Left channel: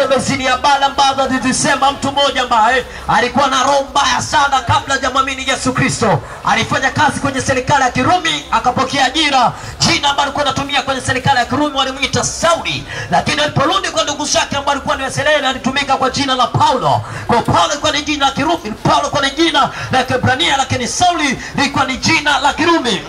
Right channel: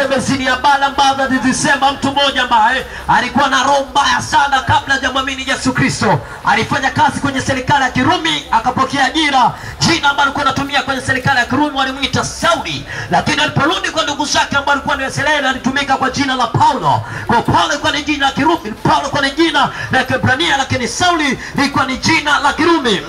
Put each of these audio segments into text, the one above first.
niseme zini ya bala ambazo alizisema mtu mmoja ambaye alikuwa na roho mbaya sana kabla hajamwamini Yesu Kristo. Alifanya kazi kwenye serikali ya Kirumi, akapokea ajira. Jina ambalo alikuwa anatumia kwenye serikali ya Kirumi walimuita Sauli, lakini aliporudi kwa ndugu zake ambao alikuwa ni Waisraeli alitumika kwa jina la Paulo. Kwa Paulo ilikuwa ni jina la Kirumi, Paulo ilikuwa ni jina la Kiebrania, lakini Sauli ilikuwa ni jina la Kirumi.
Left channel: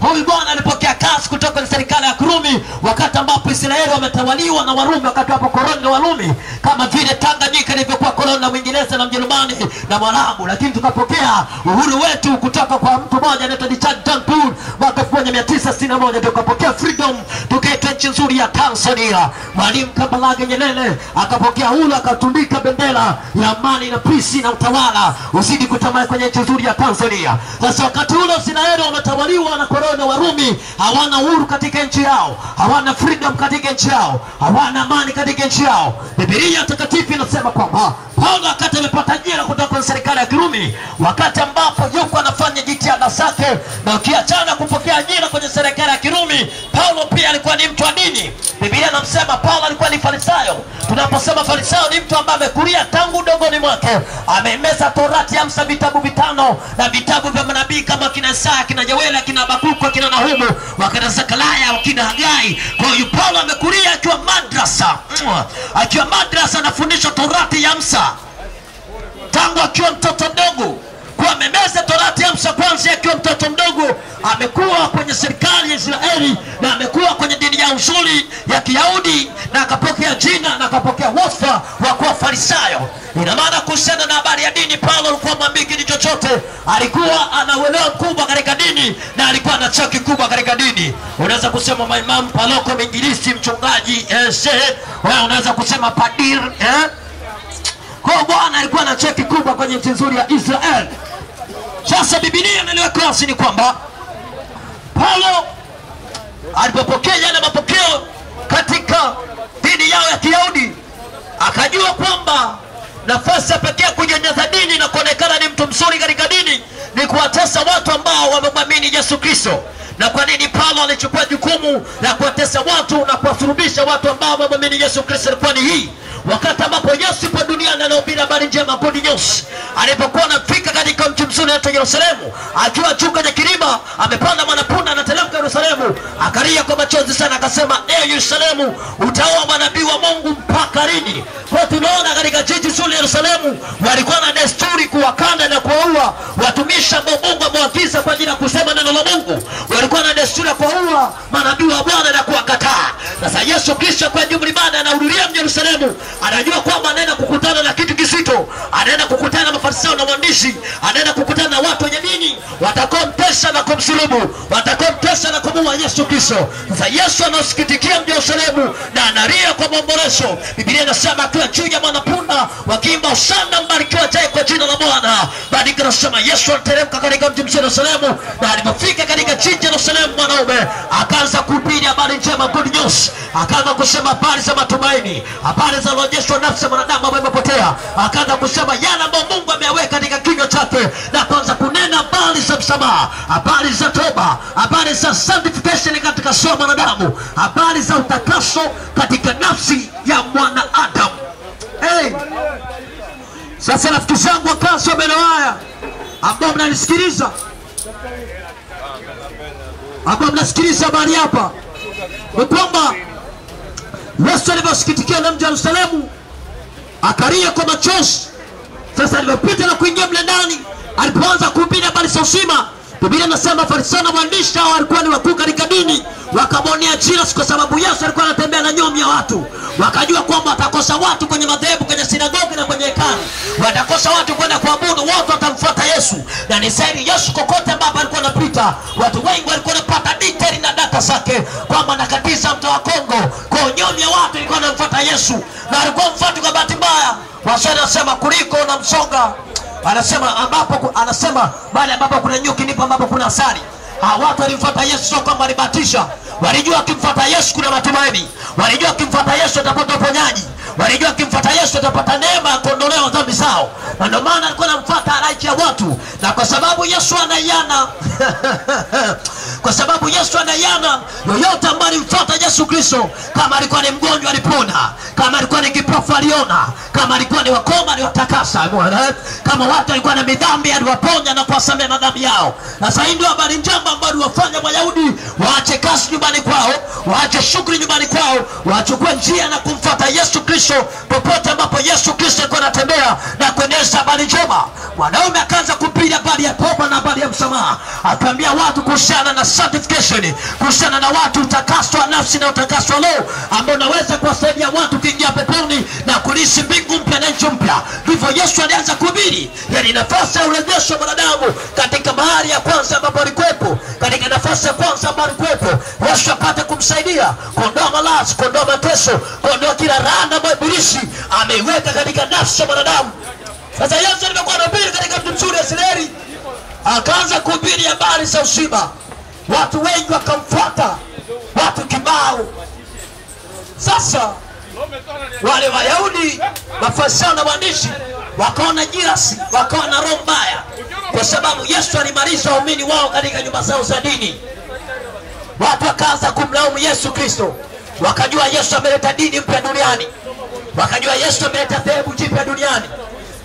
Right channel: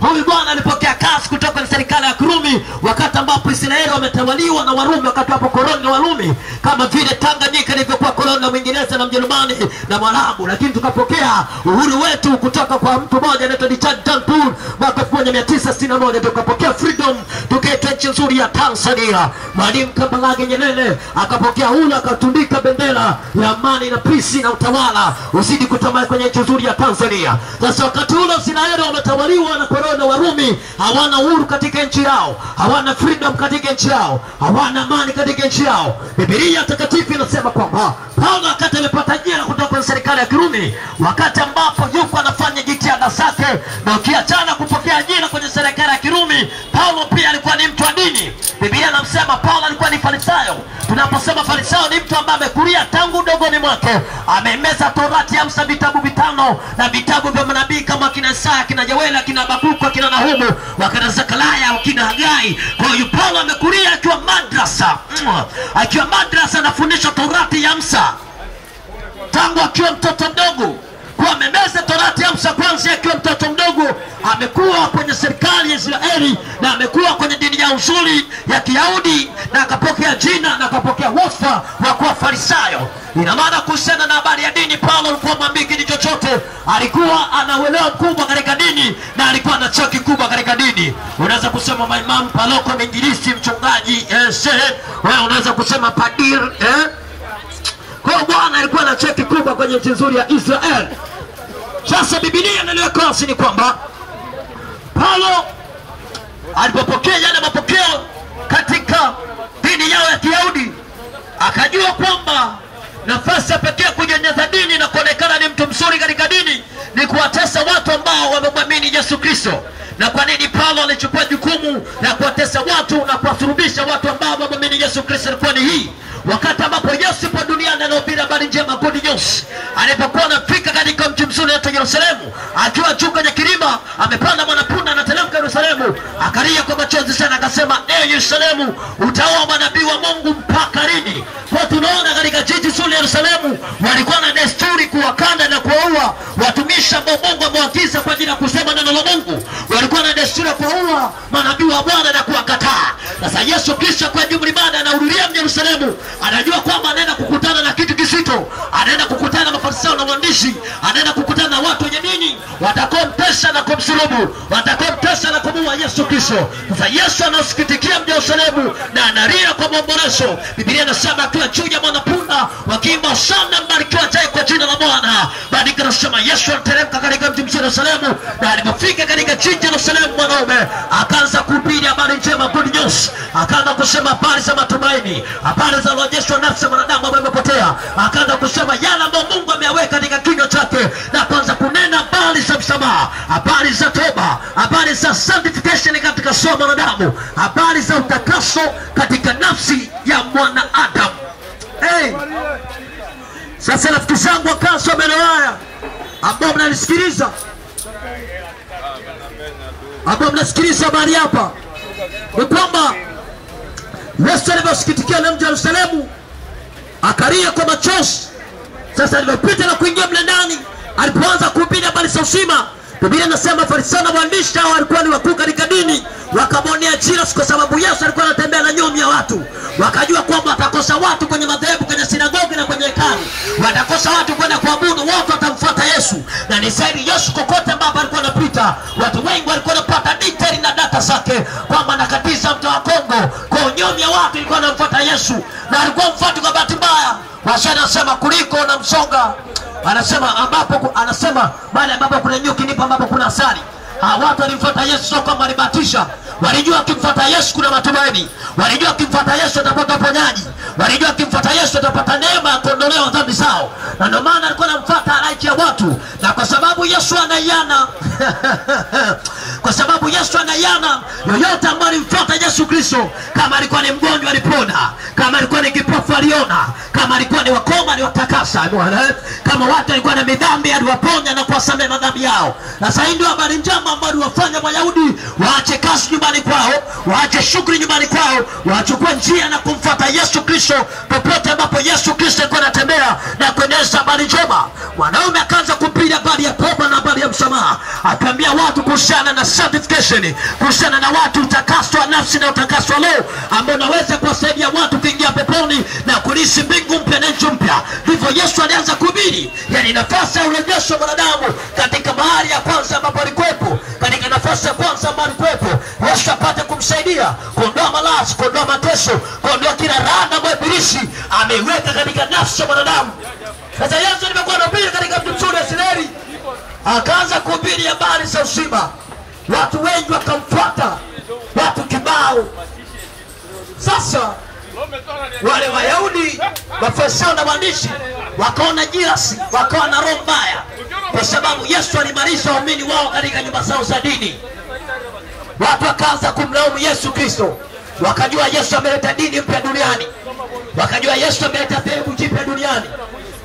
Huyu bwana alipokea kazi kutoka kwenye serikali ya Kirumi wakati ambapo Israeli wametawaliwa na Warumi, wakati hapo koloni la Warumi, kama vile Tanganyika ilivyokuwa koloni la Uingereza na Mjerumani na Mwarabu. Lakini tukapokea uhuru wetu kutoka kwa mtu mmoja anaitwa Richard Turnbull mwaka 1961, tukapokea freedom, tukaitwa nchi nzuri ya Tanzania. Mwalimu Kambarage Nyerere akapokea uhuru, akatundika bendera ya amani na peace na utawala uzidi kutamani kwenye nchi nzuri ya Tanzania. Sasa wakati ule Israeli wametawaliwa na koloni la Warumi, hawana uhuru katika nchi yao, hawana freedom katika nchi yao, hawana amani katika nchi yao. Biblia takatifu inasema kwamba Paulo wakati amepata ajira kutoka kwenye serikali ya Kirumi, wakati ambapo yuko anafanya jitihada zake, na ukiachana kupokea ajira kwenye serikali ya Kirumi, Paulo pia alikuwa ni mtu wa dini. Biblia inamsema Paulo alikuwa ni Farisayo. Tunaposema Farisayo ni mtu ambaye amekulia tangu udogoni mwake, amemeza Torati ya Musa, vitabu 5 na vitabu vya manabii kama kina Isaya, kina Yoeli, kina Habakuku, kina Nahumu, wakina Zakaria, wakina Hagai. Kwa hiyo Paulo amekulia akiwa madrasa anafundisha Torati ya Musa tangu akiwa mtoto mdogo. Kwa amemeza Torati ya Musa kwanza akiwa mtoto mdogo, amekuwa kwenye serikali ya Israeli na amekuwa kwenye dini ya usuli ya Kiyahudi, na akapokea jina na akapokea wasifa wa kuwa Farisayo. Ina maana kuhusiana na habari ya dini, Paulo alikuwa mwambiki chochote, alikuwa anauelewa mkubwa katika dini na alikuwa na cheo kikubwa katika dini. Unaweza kusema maimamu, paroko, mwinjilisti, mchungaji, shehe, wewe unaweza kusema padir, Kwa Bwana alikuwa na cheo kikubwa kwenye nchi nzuri ya Israeli. Sasa Biblia inaliweka wazi ni kwamba Paulo alipopokea yale mapokeo katika dini yao ya Kiyahudi, akajua kwamba nafasi pekee kujeneza dini na kuonekana ni mtu mzuri katika dini ni kuwatesa watu ambao wamemwamini Yesu Kristo. Na kwa nini Paulo alichukua jukumu la kuwatesa watu na kuwasulubisha watu ambao wamemwamini Yesu Kristo? Ilikuwa ni hii: wakati ambapo Yesu yupo duniani anahubiri habari njema, good news, alipokuwa anafika katika mji mzuri wa Yerusalemu, akiwa juu kwenye kilima, amepanda mwanapunda anateremka Yerusalemu, akalia kwa machozi sana, akasema, Yerusalemu, utaoa manabii wa Mungu mpaka lini? Kwa tunaona katika jiji zuri Yerusalemu walikuwa na desturi kuwakanda na kuwaua watumishi ambao Mungu amewaagiza kwa ajili ya kusema neno la Mungu. Walikuwa na desturi ya kuwaua manabii wa Bwana na kuwakataa. Sasa Yesu kisha kwa jumla ibada anahudhuria Yerusalemu, anajua kwamba anaenda kukutana na kitu kizito, anaenda kukutana na Mafarisayo na waandishi, anaenda kukutana na watu wenye dini watakaomtesa na kumsulubu, watakaomtesa na kumuua Yesu Kristo. Sasa Yesu anasikitikia Yerusalemu na analia kwa maombolezo. Biblia inasema akiwa juu ya mwanapunda wakiimba hosana, mbarikiwa ajaye kwa jina la Bwana. Baadaye inasema Yesu aliteremka katika mji wa Yerusalemu, na alipofika katika jiji la Yerusalemu mwanaume akaanza kuhubiri habari njema, good news, akaanza kusema habari za matumaini, habari za urejesho wa nafsi ya mwanadamu ambaye imepotea, akaanza kusema yale ambayo Mungu ameyaweka katika kinywa chake, na kuanza kunena habari za msamaha, habari za toba, habari za sanctification katika somo la mwanadamu, habari za utakaso katika nafsi ya mwanadamu. Sasa rafiki zangu wakaso haya ambao mnanisikiliza, ambao mnasikiliza habari hapa, ni kwamba Yesu alivyosikitikia na mji wa Yerusalemu akalia kwa machozi. Sasa alipopita na kuingia mle ndani, alipoanza kuhubiri habari za uzima, Biblia inasema Farisayo na waandishi hao walikuwa ni wakuu katika dini, wakamwonea jina kwa sababu Yesu alikuwa anatembea na nyomi ya watu. Wakajua kwamba atakosa watu kwenye madhehebu, kwenye sinagogi na kwenye hekalu, watakosa watu kwenda kuabudu, watu watamfuata Yesu. Na ni zaidi Yesu kokote ambapo alikuwa anapita, watu wengi walikuwa wanapata detail na data zake kwamba anakatiza mto wa Kongo. Kwa nyomi ya watu ilikuwa anamfuata Yesu, na alikuwa mfuati kwa bahati mbaya. Waswahili wanasema kuliko na msonga, anasema bali ambapo kuna nyuki ndipo ambapo kuna asali. Watu walimfuata Yesu sio kwamba alibatisha. Walijua akimfuata Yesu kuna matumaini. Walijua akimfuata Yesu atapata uponyaji. Walijua akimfuata Yesu atapata neema ya kuondolewa dhambi zao. Na ndio maana alikuwa anamfuata halaiki ya watu. Na kwa sababu Yesu anaiana kwa sababu Yesu anaiana, yoyote ambaye alimfuata Yesu Kristo, kama alikuwa ni mgonjwa alipona, kama alikuwa ni kipofu aliona, kama alikuwa ni wakoma aliwatakasa. Kama watu walikuwa na midhambi aliwaponya na kuwasamehe madhambi yao. Sasa hii ndio habari njema ambayo wafanya Wayahudi waache kazi nyumbani kwao, waache shughuli nyumbani kwao, wachukue njia na kumfuata Yesu Kristo popote ambapo Yesu Kristo alikuwa anatembea na kueneza habari njema. Mwanaume akaanza kupiga habari ya toba na habari ya msamaha, akaambia watu kuhusiana na sanctification, kuhusiana na watu utakaswa nafsi na utakaswa roho, ambao unaweza kuwasaidia watu kuingia peponi na kuishi mbingu mpya na nchi mpya. Hivyo Yesu alianza kuhubiri, yani nafasi ya urejesho wa wanadamu katika bahari ya kwanza ambapo alikuwepo, katika nafasi ya kwanza ambapo alikuwepo, Yesu apate kumsaidia kuondoa maradhi, kuondoa mateso, kuondoa kila laana ambayo ibilisi ameiweka katika nafsi ya wanadamu. Sasa Yesu alikuwa anahubiri katika mji mzuri wa Israeli, akaanza kuhubiri habari za uzima. Watu wengi wakamfuata, watu kibao. Sasa wale Wayahudi, Mafarisayo na waandishi wakaona jirasi, wakaona roho mbaya, kwa sababu Yesu alimaliza waumini wao katika nyumba zao za dini. Watu wakaanza kumlaumu Yesu Kristo. Wakajua Yesu ameleta dini mpya duniani, wakajua Yesu ameleta dhehebu jipya duniani.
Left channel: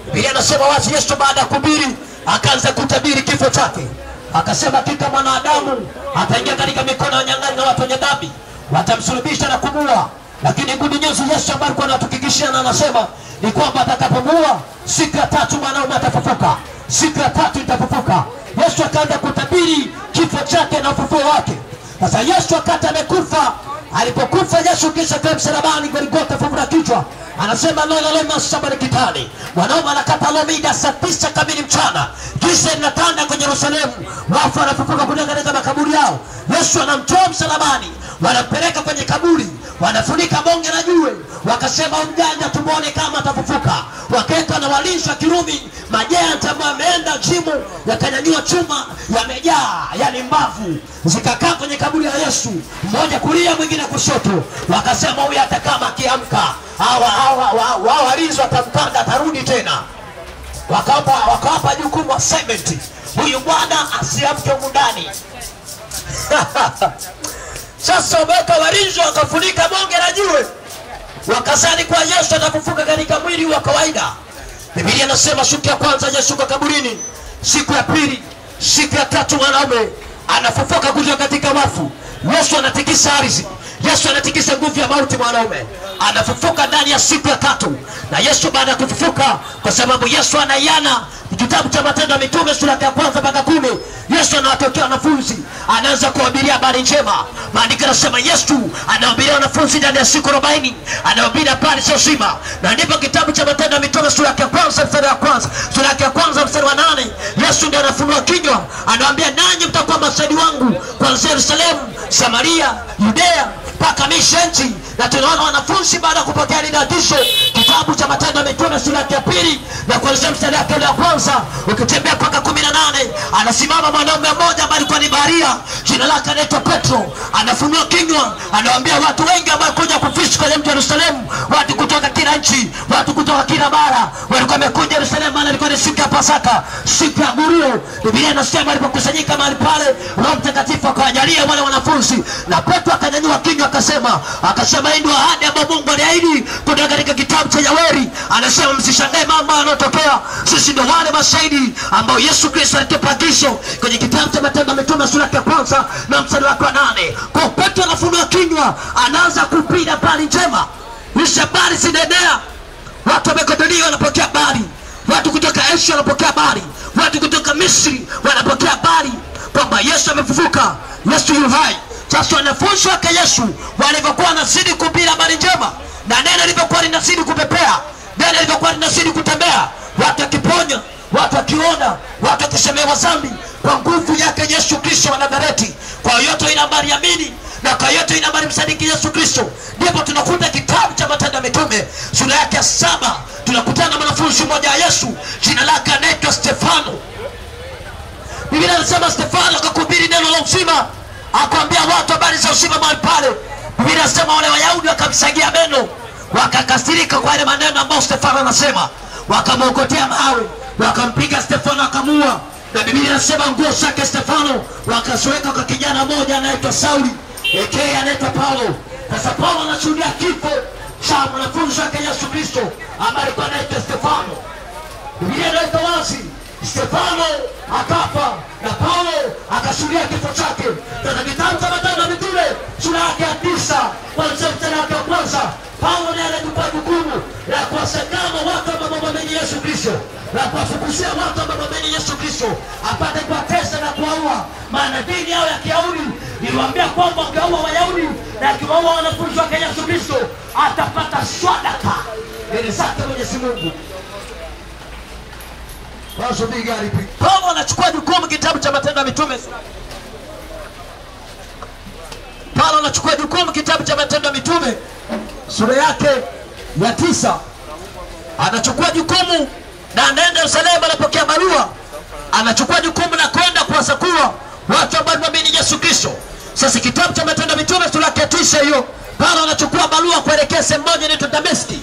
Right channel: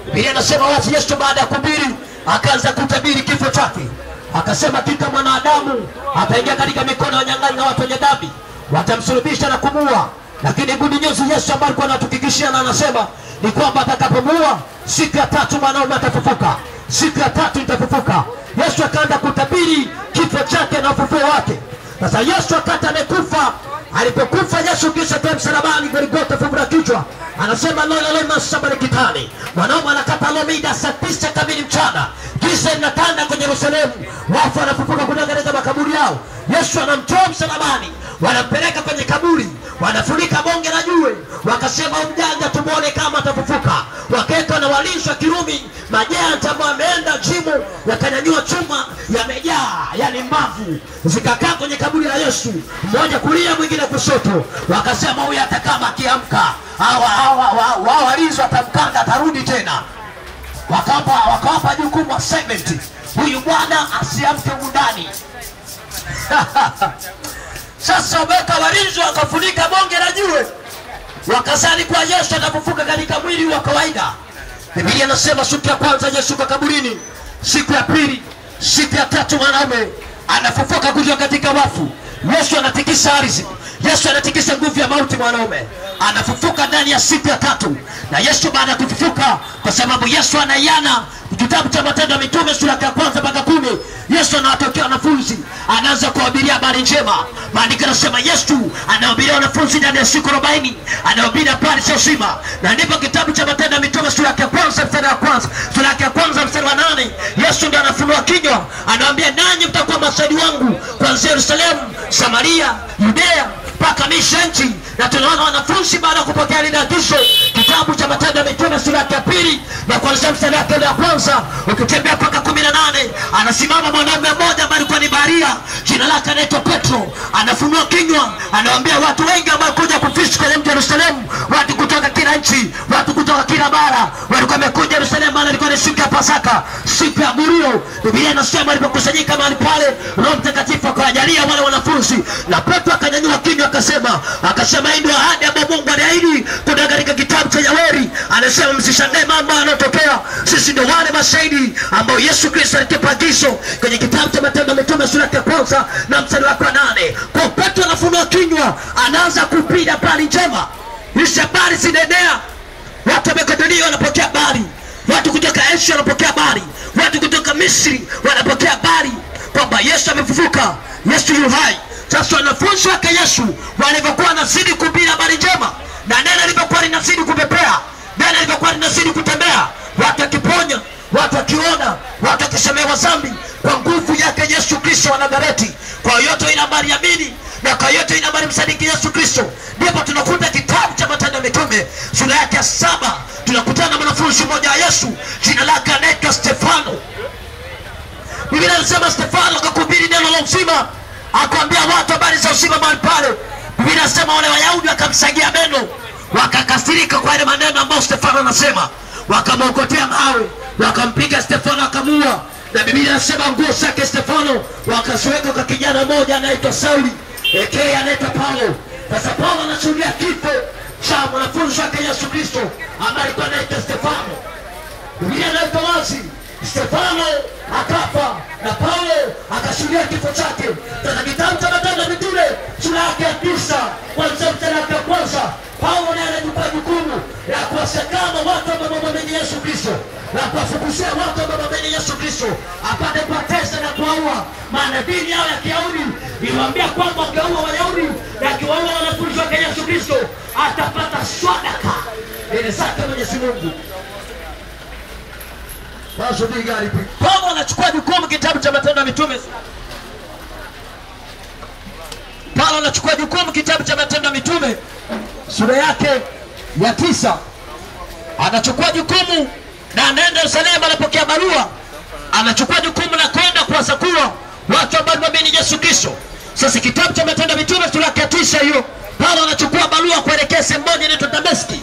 Biblia inasema wazi, Yesu baada ya kuhubiri akaanza kutabiri kifo chake. Akasema kika mwanadamu ataingia katika mikono ya wanyang'anyi na watu wenye dhambi, watamsulubisha na kumuua. Lakini good news Yesu ambaye alikuwa anatufikishia na anasema ni kwamba atakapomuua, siku ya tatu mwanaume atafufuka, siku ya tatu itafufuka. Yesu akaanza kutabiri kifo chake na ufufuo wake. Sasa Yesu akati amekufa, alipokufa Yesu kisha kwa msalabani Golgotha, fungu la kichwa anasema lola lema sabari kitani, mwanaume anakata lomida saa 9 kamili mchana, giza linatanda kwenye Yerusalemu, wafu wanafufuka kutoka katika makaburi yao. Yesu anamtoa msalabani, wanampeleka kwenye kaburi, wanafunika bonge la jiwe, wakasema mjanja tumuone kama atafufuka. Wakeka na walinzi wa Kirumi, majenta ambao wameenda jimu, yakanyanyua chuma yamejaa, yani mbavu, zikakaa kwenye kaburi la Yesu, mmoja kulia mwingine kushoto. Wakasema huyu atakama akiamka wao walinzi watamkanda atarudi tena. Wakawapa jukumu assignment, huyu bwana asiamke ndani. Sasa wabeka walinzi wakafunika bonge la jiwe, wakasali kwa Yesu atafufuka katika mwili wa kawaida. Biblia inasema siku ya kwanza Yesu kwa kaburini, siku ya pili, siku ya tatu mwanaume anafufuka kutoka katika wafu. Yesu anatikisa ardhi, Yesu anatikisa nguvu ya mauti, mwanaume anafufuka ndani ya siku ya tatu. Na Yesu baada ya kufufuka, kwa sababu Yesu anaiana, kitabu cha Matendo ya Mitume sura ya 1 mpaka 10, Yesu anawatokea wanafunzi, anaanza kuwahubiria habari njema. Maandiko yanasema Yesu anawahubiria wanafunzi ndani ya siku 40, anawahubiria habari za uzima. Na ndipo kitabu cha Matendo ya Mitume sura ya 1 mstari wa 1, sura ya 1 mstari wa 8, Yesu ndiye anafunua kinywa, anawaambia nanyi mtakuwa mashahidi wangu kuanzia Yerusalemu, Samaria, Yudea mpaka misho nchi. Na tunaona wanafunzi baada ya kupokea ile agizo, kitabu cha Matendo ya Mitume sura ya 2 na kuanzia mstari wa 1 ukitembea mpaka 18, anasimama mwanaume mmoja ambaye alikuwa ni baharia, jina lake anaitwa Petro. Anafunua kinywa, anawaambia watu wengi ambao kuja kufishi kwenye mji wa Yerusalemu, watu kutoka kila nchi, watu kutoka kila bara, walikuwa wamekuja Yerusalemu, maana ilikuwa ni siku ya Pasaka, siku ya Gurio. Biblia inasema alipokusanyika mahali pale, Roho Mtakatifu akawajalia wale wanafunzi, na Petro akanyanyua kinywa akasema hii ndio ahadi ambayo Mungu aliahidi kutoka katika kitabu cha Yaweri. Anasema msishangae mambo yanayotokea, sisi ndio wale mashahidi ambao Yesu Kristo alitupa agizo kwenye kitabu cha Matendo ya Mitume sura ya 1 na mstari wa 8. Kwa Petro anafunua kinywa, anaanza kupiga habari njema. Hizi habari zinaenea, watu wa Makedonia wanapokea habari, watu kutoka Asia wanapokea habari, watu kutoka Misri wanapokea habari kwamba Yesu amefufuka, Yesu yu hai. Sasa wanafunzi wake Yesu walivyokuwa wanazidi kuhubiri habari njema, na neno lilivyokuwa linazidi kupepea, neno lilivyokuwa linazidi kutembea, watu wakiponya, watu wakiona, watu wakisemewa dhambi kwa nguvu yake Yesu Kristo wa Nazareti. Kwa yote ina habari amini, na kwa yote ina habari msadiki Yesu Kristo. Ndipo tunakuta kitabu cha Matendo ya Mitume sura yake 7, tunakutana na mwanafunzi mmoja wa Yesu, jina lake anaitwa Stefano. Biblia inasema Stefano akakuhubiri neno la uzima, akaambia watu habari za uzima mahali pale. Biblia inasema wale Wayahudi wakamsagia meno, wakakasirika kwa ile maneno ambayo Stefano anasema, wakamwokotea mawe, wakampiga Stefano akamua. Na Biblia inasema nguo zake Stefano wakasweka kwa kijana mmoja anaitwa Sauli, anaitwa Paulo. Sasa Paulo anashuhudia kifo cha mwanafunzi wake Yesu Kristo ambaye alikuwa anaitwa Stefano. Biblia inaweka wazi Stefano akafa na Paulo akashuhudia kifo chake. Sasa kitabu cha Matendo ya Mitume sura yake ya 9 kuanzia mstari wa kwanza, Paulo ndiye anachukua jukumu la kuwasekama watu ambao wamwamini Yesu Kristo, na kuwafukushia watu ambao wamwamini Yesu Kristo apate kuwatesa na kuwaua. Maana dini yao ya Kiyahudi iliwaambia kwamba wakiwaua Wayahudi na akiwaua wanafunzi wake Yesu Kristo atapata sadaka ile zake Mwenyezi Mungu. Paulo anachukua jukumu, kitabu cha Matendo ya Mitume. Paulo anachukua jukumu, kitabu cha Matendo ya Mitume sura yake ya 9. Anachukua jukumu na anaenda Yerusalemu, anapokea barua. Anachukua jukumu la kwenda kuwasakua watu ambao wamwamini Yesu Kristo. Sasa kitabu cha Matendo ya Mitume sura yake 9 hiyo, Paulo anachukua barua kuelekea sehemu moja inaitwa Dameski.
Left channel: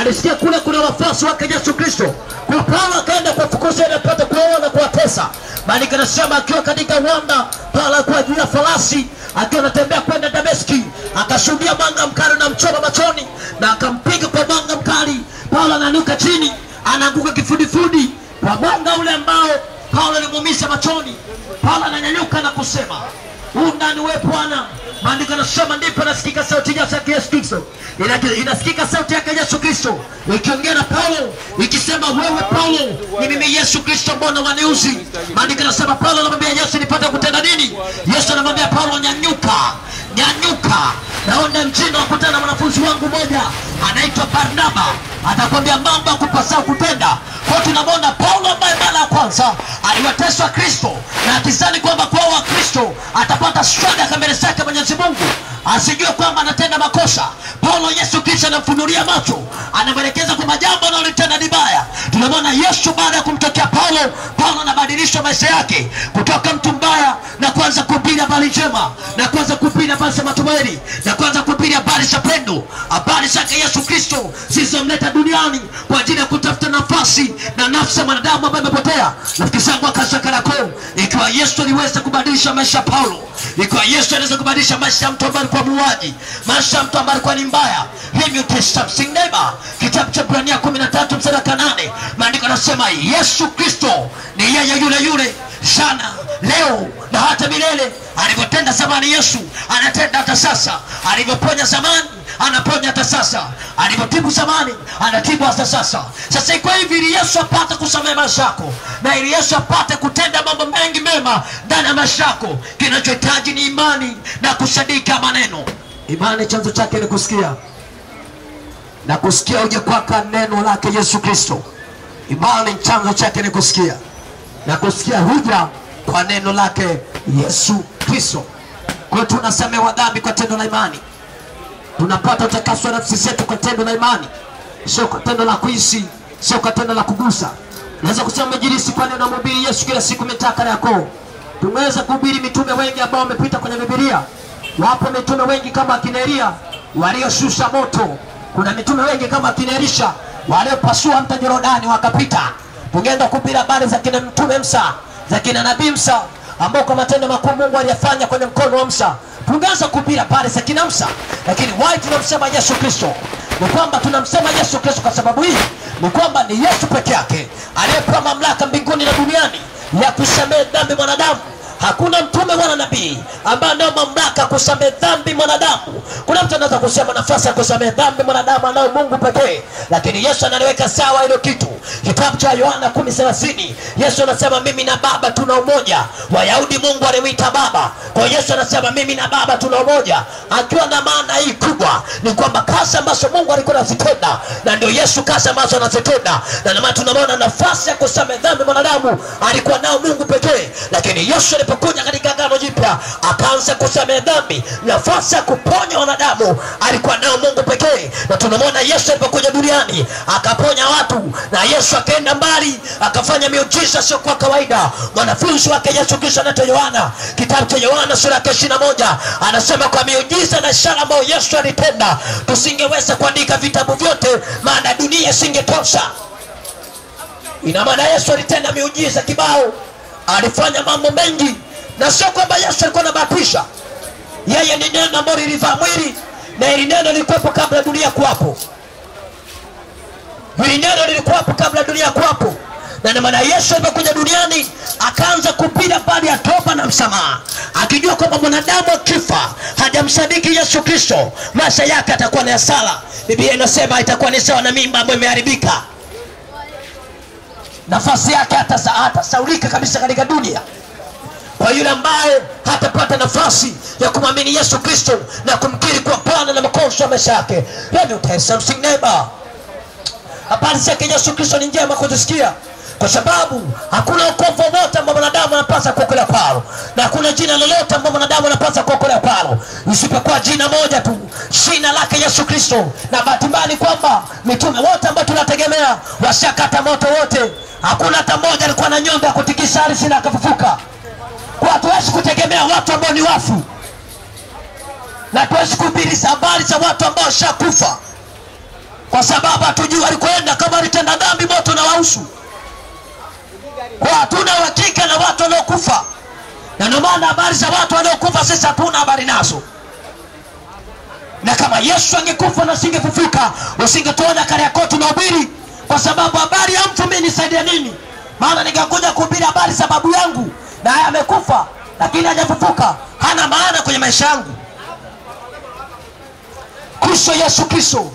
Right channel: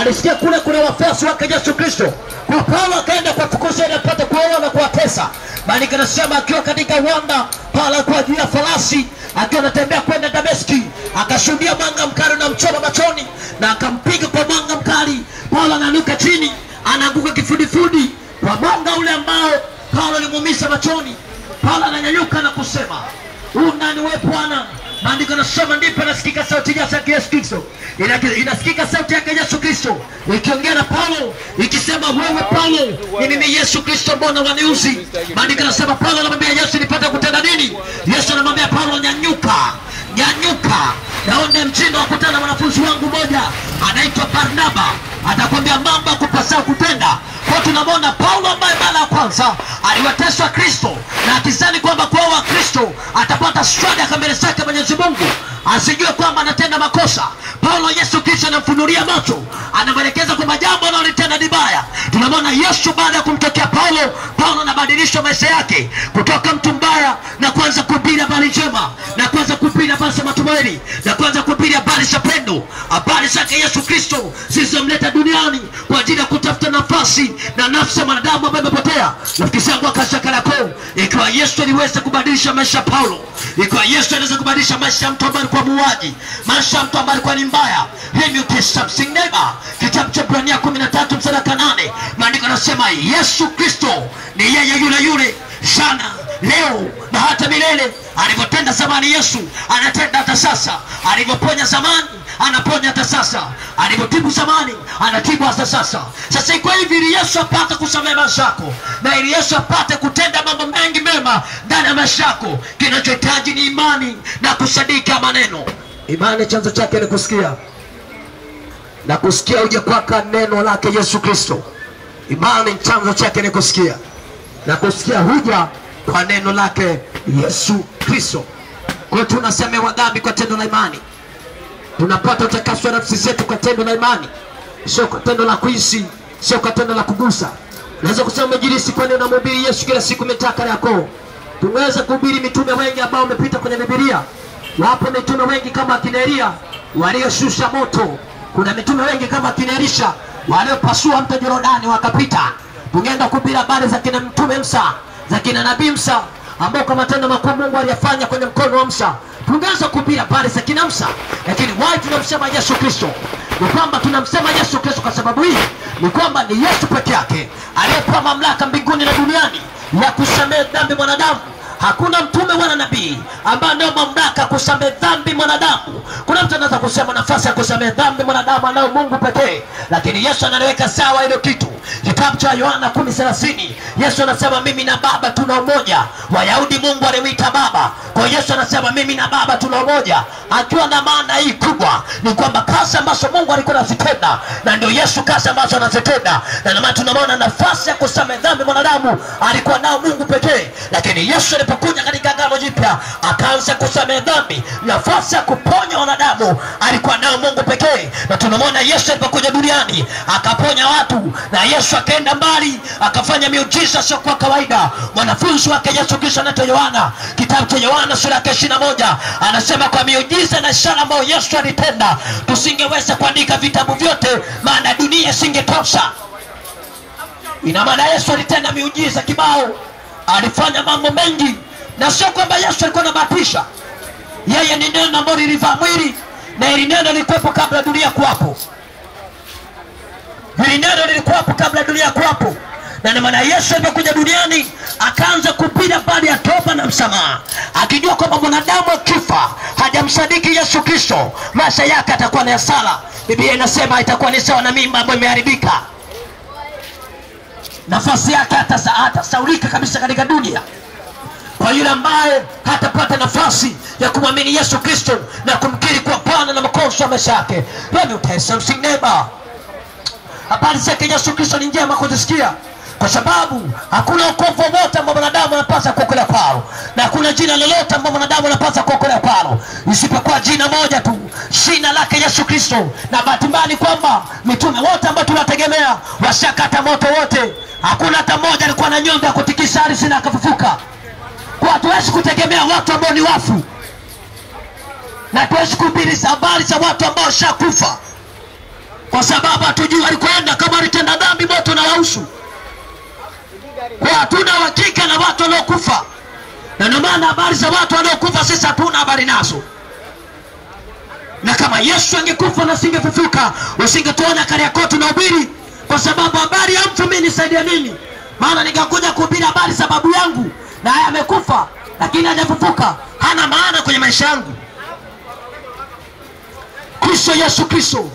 Alisikia kule kuna wafuasi wake Yesu Kristo. Kwa Paulo akaenda kuwafukuza na kupata kuwaua na kuwatesa. Bali kanasema akiwa katika uwanda, Paulo alikuwa juu ya farasi akiwa anatembea kwenda Dameski, akashuhudia mwanga mkali na mchoma machoni na akampiga kwa mwanga mkali. Paulo ananuka chini, anaanguka kifudifudi kwa mwanga ule ambao Paulo alimuumisha machoni. Paulo ananyanyuka na kusema, "Nani wewe Bwana?" Maandiko yanasema ndipo nasikika sauti ya Yesu Kristo. Inasikika sauti yake Yesu Kristo ikiongea na Paulo ikisema, "Wewe Paulo, ni mimi Yesu Kristo, mbona waniuzi?" Maandiko yanasema Paulo anamwambia Yesu, "Nipate kutenda nini?" Yesu anamwambia Paulo, "Nyanyuka, nyanyuka. Naona mtindo wa kutana na mwanafunzi wangu mmoja anaitwa Barnaba. Atakwambia mambo ya kupasao kutenda." Kwa tunamwona Paulo ambaye mara ya kwanza aliwateswa Kristo na akizani kwamba kwa wa Kristo atapata sadaka mbele zake Mwenyezi Mungu, asijue kwamba anatenda makosa. Paulo Yesu Kristo anamfunulia macho, anamwelekeza kwamba jambo analotenda ni baya. Tunamwona Yesu baada ya kumtokea Paulo anabadilisha maisha yake kutoka mtu mbaya na kuanza kuhubiri habari njema, na kuanza kuhubiri habari za matumaini, na kuanza kuhubiri habari za pendo, habari zake Yesu Kristo zilizomleta duniani kwa ajili ya kutafuta nafasi na nafsi ya mwanadamu ambaye amepotea. Rafiki zangu akashaka lako, ikiwa Yesu aliweza kubadilisha maisha ya Paulo, ikiwa Yesu anaweza kubadilisha maisha ya mtu ambaye alikuwa muuaji, maisha ya mtu ambaye alikuwa ni mbaya, him you can something neighbor. Kitabu cha Ibrania 13 mstari wa 8, maandiko yanasema Yesu Kristo ni yeye yule sana leo na hata milele. Alivyotenda zamani Yesu anatenda hata sasa. Alivyoponya zamani anaponya hata sasa. Alivyotibu zamani anatibu hata sasa. Sasa iko hivi, ili Yesu apate kusamehe maisha yako, na ili Yesu apate kutenda mambo mengi mema ndani ya maisha yako, kinachohitaji ni imani na kusadiki maneno. Imani chanzo chake ni kusikia, na kusikia uje kwaka neno lake Yesu Kristo. Imani chanzo chake ni kusikia, na kusikia huja kwa neno lake Yesu Kristo. Kwa tunasamehewa dhambi kwa tendo la imani. Tunapata utakaso wa nafsi zetu kwa tendo la imani, sio kwa tendo la kuhisi, sio kwa tendo la kugusa. Naweza kusema mjilisi kwa neno mhubiri Yesu kila siku mitaka yako. Tumeweza kuhubiri mitume wengi ambao wamepita kwenye Biblia. Wapo mitume wengi kama akina Elia walioshusha moto. Kuna mitume wengi kama akina Elisha waliopasua mto Yordani wakapita. Tungeenda kuhubiri habari za kina mtume Musa, za kina nabii Musa ambao kwa matendo makuu Mungu aliyafanya kwenye mkono wa Musa. Tungeanza kuhubiri habari za kina Musa, lakini why tunamsema Yesu Kristo? Ni kwamba tunamsema Yesu Kristo kwa sababu hii ni kwamba ni Yesu peke yake aliyepewa mamlaka mbinguni na duniani ya kusamehe dhambi mwanadamu. Hakuna mtume wala nabii ambaye ana mamlaka kusamehe dhambi mwanadamu. Kuna mtu anaweza kusema nafasi ya kusamehe dhambi mwanadamu anayo Mungu pekee, lakini Yesu analiweka sawa hilo kitu. Kitabu cha Yohana 10:30, Yesu anasema mimi na Baba tuna umoja. Wayahudi Mungu alimuita Baba, kwa Yesu anasema mimi na Baba tuna umoja, akiwa na maana hii kubwa ni kwamba kazi ambazo Mungu alikuwa anazitenda na ndio Yesu kazi ambazo anazitenda, na maana tunaona nafasi ya kusamehe dhambi mwanadamu alikuwa nao Mungu pekee. Lakini Yesu alipokuja katika Agano Jipya Jipya, akaanza kusamehe dhambi. Nafasi ya kuponya wanadamu alikuwa nayo Mungu pekee. Na tunamwona Yesu alipokuja duniani akaponya watu, na Yesu akaenda mbali akafanya miujiza sio kwa kawaida. Mwanafunzi wake Yesu Kristo anaitwa Yohana, kitabu cha Yohana sura ya 21 anasema kwa miujiza na ishara ambayo Yesu alitenda tusingeweza kuandika vitabu vyote, maana dunia isingetosha. Ina maana Yesu alitenda miujiza kibao, alifanya mambo mengi, na sio kwamba Yesu alikuwa anabahatisha. Yeye ni neno ambalo lilivaa mwili, na hili neno lilikuwepo kabla dunia kuwapo. Hili neno lilikuwepo kabla dunia kuwapo. Na ndio maana Yesu alipokuja duniani akaanza kupita baada ya toba na msamaha, akijua kwamba mwanadamu akifa hajamsadiki Yesu Kristo maisha yake atakuwa na hasara. Biblia inasema itakuwa ni sawa na mimba ambayo imeharibika. Nafasi yake hatasaulika kabisa katika dunia. Kwa yule ambaye hatapata nafasi ya kumwamini Yesu Kristo na kumkiri kwa Bwana na Mwokozi wa maisha yake. Let me tell you something neighbor. Habari zake Yesu Kristo ni njema kuzisikia, kwa sababu hakuna wokovu wote ambao mwanadamu anapaswa kuokolewa kwao, na hakuna jina lolote ambalo mwanadamu anapaswa kuokolewa kwao isipokuwa jina moja tu, jina lake Yesu Kristo. Na bahati mbaya ni kwamba mitume wote ambao tunategemea washakata moto wote. Hakuna hata mmoja alikuwa na nyonga kutikisa ardhi na akafufuka. Kwa hatuwezi kutegemea watu ambao ni wafu, na tuwezi kuhubiri habari za watu ambao washakufa, kwa sababu hatujui alikwenda. Kama alitenda dhambi moto na wahusu. Kwa hatuna uhakika na watu waliokufa, na ndio maana habari za watu waliokufa sisi hatuna habari nazo. Na kama Yesu angekufa na singefufuka, usingetuona Kariakoo tunahubiri, kwa sababu habari ya mtu mimi nisaidia nini? Maana ningekuja kuhubiri habari za babu yangu na yeye amekufa lakini hajafufuka, hana maana kwenye maisha yangu. Kristo Yesu Kristo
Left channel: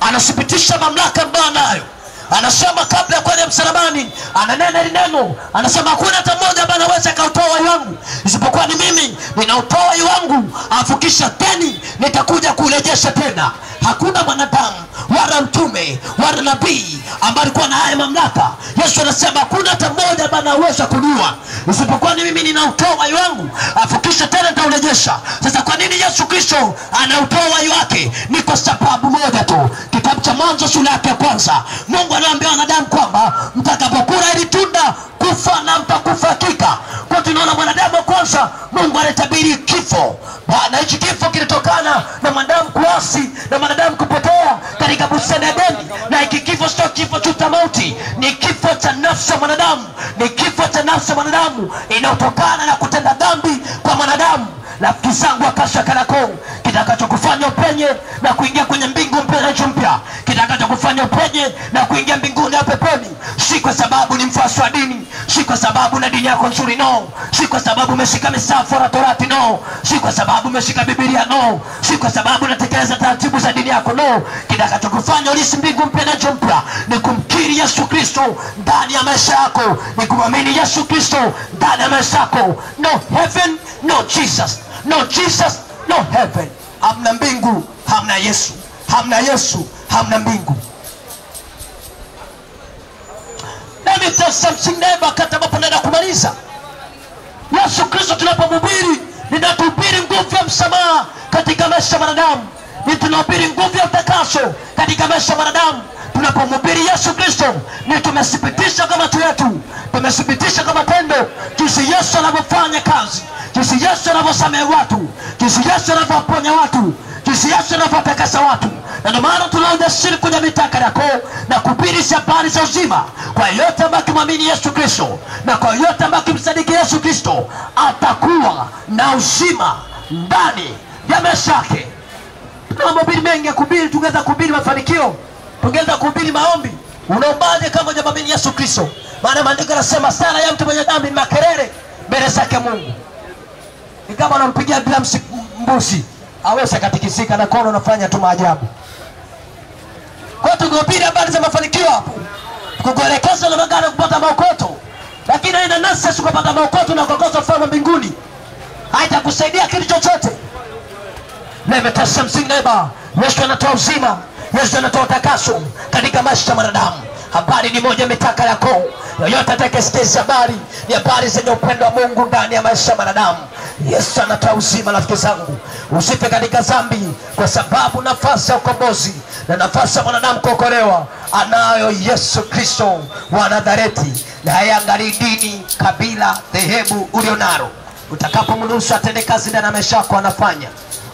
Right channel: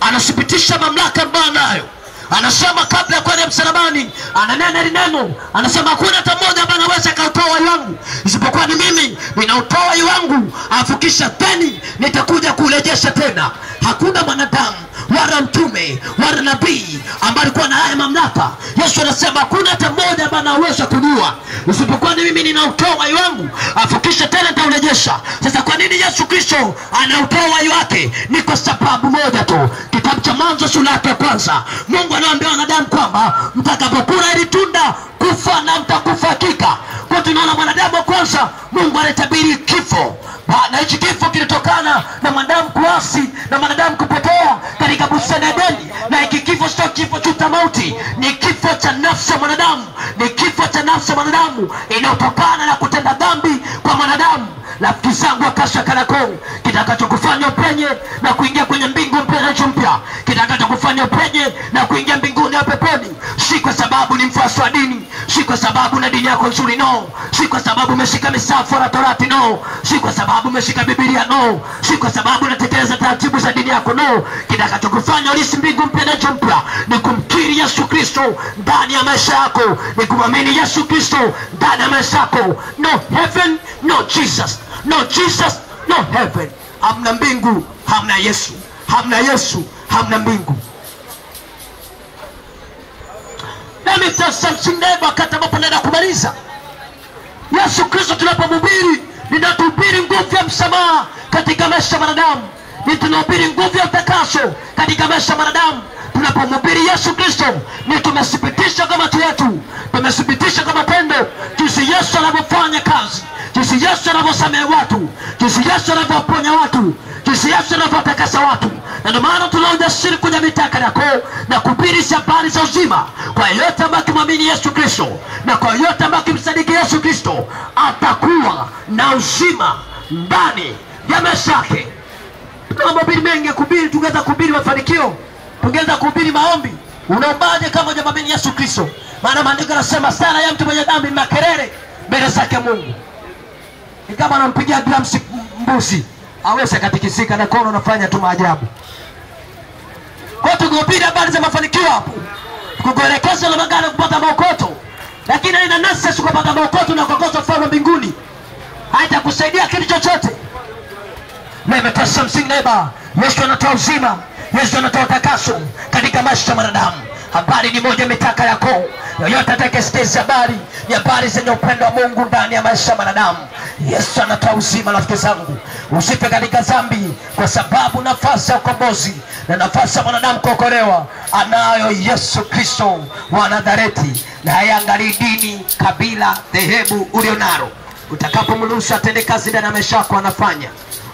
anathibitisha mamlaka ambayo anayo. Anasema kabla ya kwenda msalabani, ananena hili neno, anasema hakuna hata mmoja ambaye anaweza kautoa uhai wangu isipokuwa ni mimi. Ninautoa uhai wangu, afukisha teni nitakuja kurejesha tena. Hakuna mwanadamu wala mtume wala nabii ambaye alikuwa na haya mamlaka. Yesu anasema hakuna hata mmoja ambaye anaweza kujua isipokuwa ni mimi. Ninautoa uhai wangu, afukisha tena nitaurejesha. Sasa kwa nini Yesu Kristo anautoa uhai wake? Ni kwa sababu moja tu. Kitabu cha Mwanzo sura ya 1, Mungu anawaambia wanadamu kwamba mtakapokula hili tunda kufa na mtakufa hakika. Kwa tunaona mwanadamu wa kwanza Mungu alitabiri kifo, na hichi kifo kilitokana na mwanadamu kuasi na mwanadamu kupotea katika bustani ya Edeni. Na hiki kifo sio kifo cha mauti, ni kifo cha nafsi ya mwanadamu, ni kifo cha nafsi ya mwanadamu inayotokana na kutenda dhambi kwa mwanadamu. Rafiki zangu akasha Kariakoo, kitakachokufanya upenye na kuingia kwenye mbingu mpya, kitakachokufanya upenye na kuingia mbinguni ya peponi, si kwa sababu ni mfuasi wa dini, si kwa sababu na dini yako nzuri, no, si kwa sababu umeshika misafu na Torati, no, si kwa sababu umeshika Biblia, no, si kwa sababu unatekeleza taratibu za dini yako, no. Kitakachokufanya ulisi mbingu mpya na mpya ni kumkiri Yesu Kristo ndani ya maisha yako, ni kumwamini Yesu Kristo ndani ya maisha yako. No heaven, no Jesus. No Jesus, no heaven. Hamna mbingu, hamna Yesu. Hamna Yesu, hamna mbingu. Let me tell something neighbor, wakati ambapo naenda kumaliza. Yesu Kristo tunapomhubiri, ninatuhubiri nguvu ya msamaha katika maisha ya wanadamu. Ni tunahubiri nguvu ya utakaso katika maisha ya wanadamu. Tunapomhubiri Yesu Kristo, ni tumethibitisha kama watu wetu, tumethibitisha kama tendo jinsi Yesu anavyofanya kazi, jinsi Yesu anavyosamehe watu, jinsi Yesu anavyoponya watu, jinsi Yesu anavyotakasa watu. Na ndio maana tuna ujasiri kuja mitaa Kariakoo na kuhubiri habari za uzima kwa yote ambaye kumwamini Yesu Kristo, na kwa yote ambaye kumsadiki Yesu Kristo atakuwa na uzima ndani ya maisha yake. Tuna mahubiri mengi ya kuhubiri, tungeweza kuhubiri mafanikio, tungeweza kuhubiri maombi. Unaombaje kama hujamwamini Yesu Kristo? Maana maandiko yanasema sala ya mtu mwenye dhambi makelele mbele zake Mungu. Ni kama anampigia drums mbuzi, hawezi katikisika na kono anafanya tu maajabu. Kwa tukihubiri habari za mafanikio hapo, tukuelekeza na magari kupata maokoto, lakini haina nafasi kupata maokoto na kukosa ufalme mbinguni, haitakusaidia kitu chochote. Never something neighbor. Yesu anatoa uzima, Yesu anatoa takaso katika maisha ya mwanadamu. Habari ni moja, mitaka yako. Yoyote atakayesikia habari ni habari zenye upendo wa Mungu ndani ya maisha ya wanadamu. Yesu anatoa uzima. Rafiki zangu, usife katika dhambi, kwa sababu nafasi ya ukombozi na nafasi ya mwanadamu kuokolewa anayo Yesu Kristo wa Nazareti. Na hayangalii dini, kabila, dhehebu ulionalo. Utakapomruhusu atende kazi ndani ya maisha yako, anafanya.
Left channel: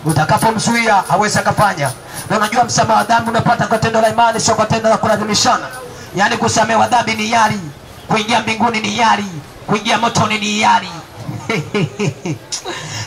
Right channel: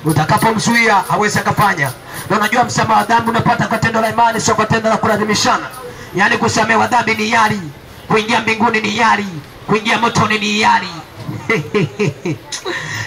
Utakapomzuia hawezi akafanya. Na unajua msamaha wa dhambi unapata kwa tendo la imani, sio kwa tendo la kulazimishana. Yaani kusamehewa dhambi ni hiari, kuingia mbinguni ni hiari, kuingia motoni ni hiari.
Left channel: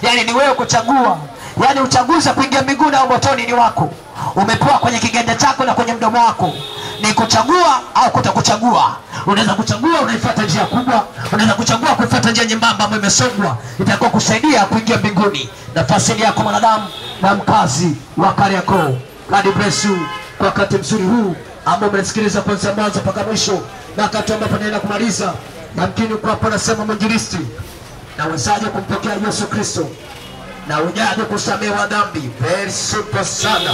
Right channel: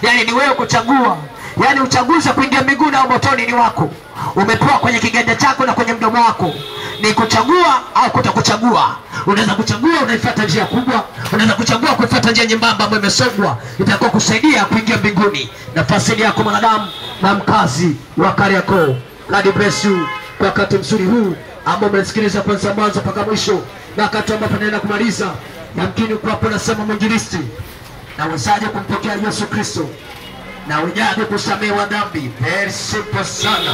Yaani ni wewe kuchagua. Yaani uchaguzi wa kuingia mbinguni au motoni ni wako. Umepewa kwenye kiganja chako na kwenye mdomo wako. Ni kuchagua au kutokuchagua. Unaweza kuchagua unaifuata njia kubwa, unaweza kuchagua kufuata njia nyembamba ambayo imesongwa, itakuwa kusaidia kuingia mbinguni. Nafasi yako mwanadamu na mkazi wa Kariakoo. God bless you kwa wakati mzuri huu ambao umesikiliza kwanza mwanzo mpaka mwisho, na wakati ambapo naenda kumaliza, yamkini uko hapo nasema mwinjilisti, na wezaje kumpokea Yesu Kristo na ujaje kusamehewa dhambi? Very simple sana,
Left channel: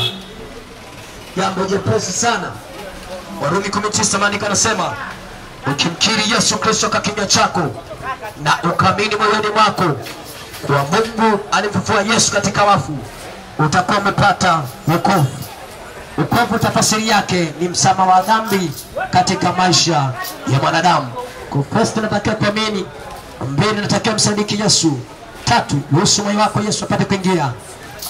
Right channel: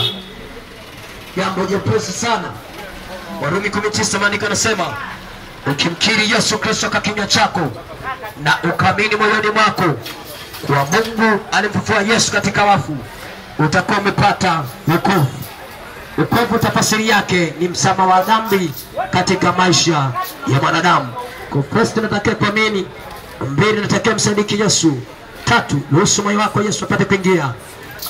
jambo jepesi sana. Warumi 19 maandiko yanasema, ukimkiri Yesu Kristo kwa kinywa chako na ukaamini moyoni mwako kwa Mungu alimfufua Yesu katika wafu, utakuwa umepata wokovu. Wokovu tafsiri yake ni msamaha wa dhambi katika maisha ya mwanadamu. Kwa Kristo tunatakiwa kuamini. 2, tunatakiwa msadiki Yesu. 3, ruhusu moyo wako Yesu apate kuingia.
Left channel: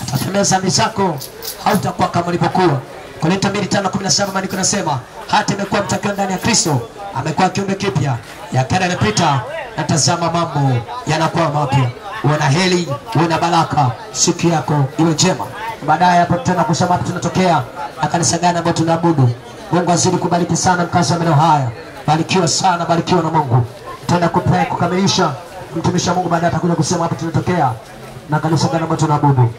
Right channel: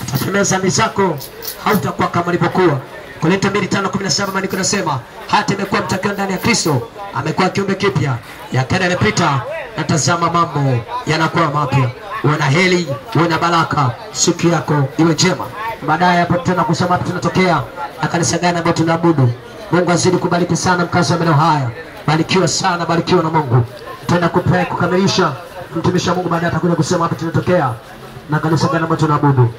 Atasamehe dhambi zako, hautakuwa kama ulivyokuwa. Korinto 2:5-17 maandiko yanasema, hata imekuwa mtakiwa ndani ya Kristo, amekuwa kiumbe kipya, ya kale yamepita na tazama mambo yanakuwa mapya. Uwe na heri, uwe na baraka, siku yako iwe njema. Baadaye hapo tena kusema hapo tunatokea na kanisa gani ambao tunaabudu. Mungu azidi kubariki sana mkazi wa maeneo haya. Barikiwa sana, barikiwa na Mungu. Tutaenda kukamilisha mtumishi wa Mungu, baadaye atakuja kusema hapo tunatokea na kanisa gani ambao tunaabudu.